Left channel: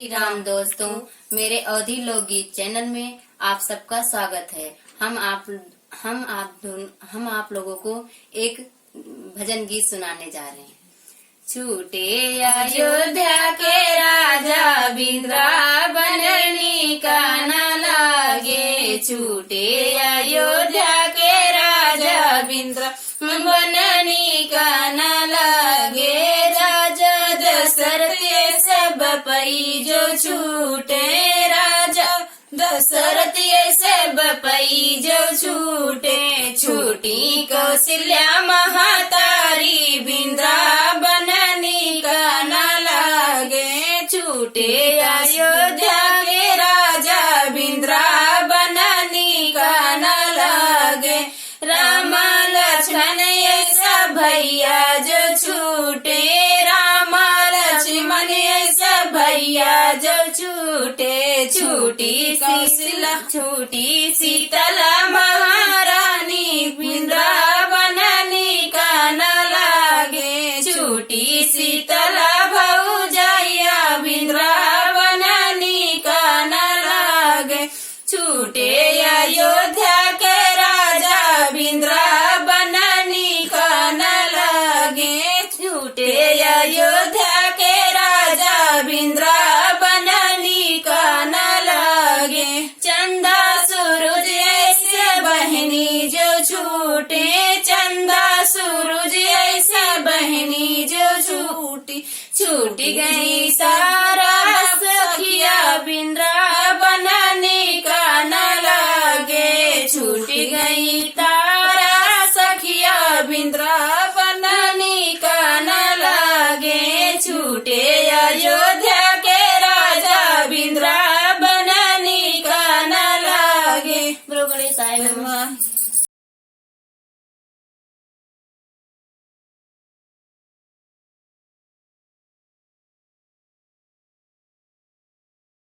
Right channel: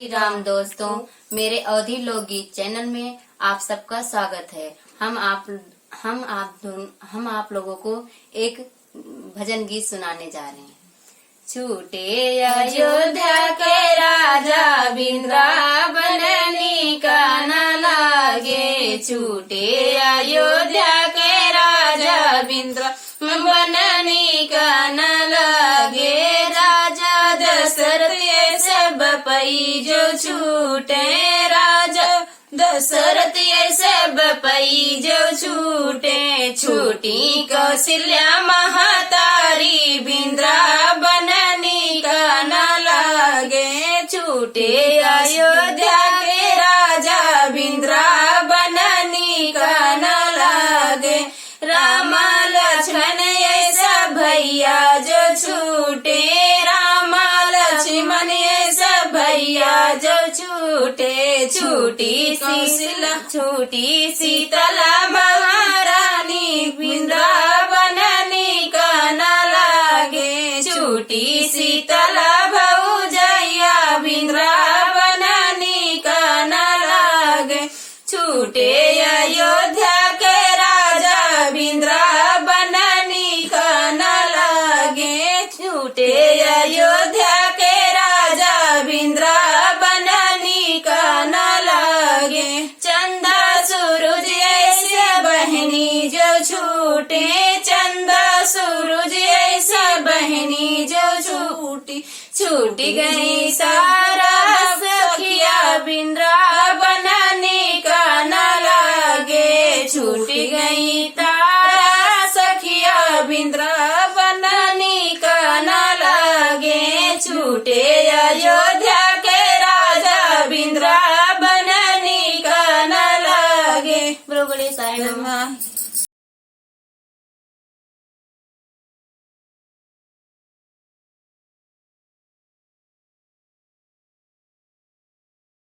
श्री राम दोस्तों, मेरे अवधि लोकगीत चैनल में आप सबका स्वागत है। हम आप लोगों को एक भजन गीत सुनाने जा रहे हैं। छूटे अयोध्या के राजा वृंदावन का न लागे, छूटे अयोध्या के राजा वृंदावन का न लागे। राजा दशरथ ये सब पई जो छूटे, राजा दशरथ ये सब पई जो छूटे। छूटी कौशल्या महातारी वृंदावन का न लागे, छूटे अयोध्या के राजा वृंदावन का न लागे। राम लक्ष्मण ऐसा भैया जो छूटे, राम लक्ष्मण ऐसा भैया जो छूटे। छूटी कौशल्या छूटी शीतला महारानी वृंदावन का न लागे, छूटी शीतला भौजैया वृंदावन का न लागे। छूटे अयोध्या के राजा वृंदावन का न लागे, छूटे अयोध्या के राजा वृंदावन का न लागे। चंदा सूरज ऐसे बहनी जो छूटे, चंदा सूरज ऐसा बहनी जो छूटी। छूट गई सारा सखिया वृंदावन का न लागे, छूट गई तारा सखिया वृंदावन का न लागे। छूटे अयोध्या के राजा वृंदावन का न लागे। बरोबर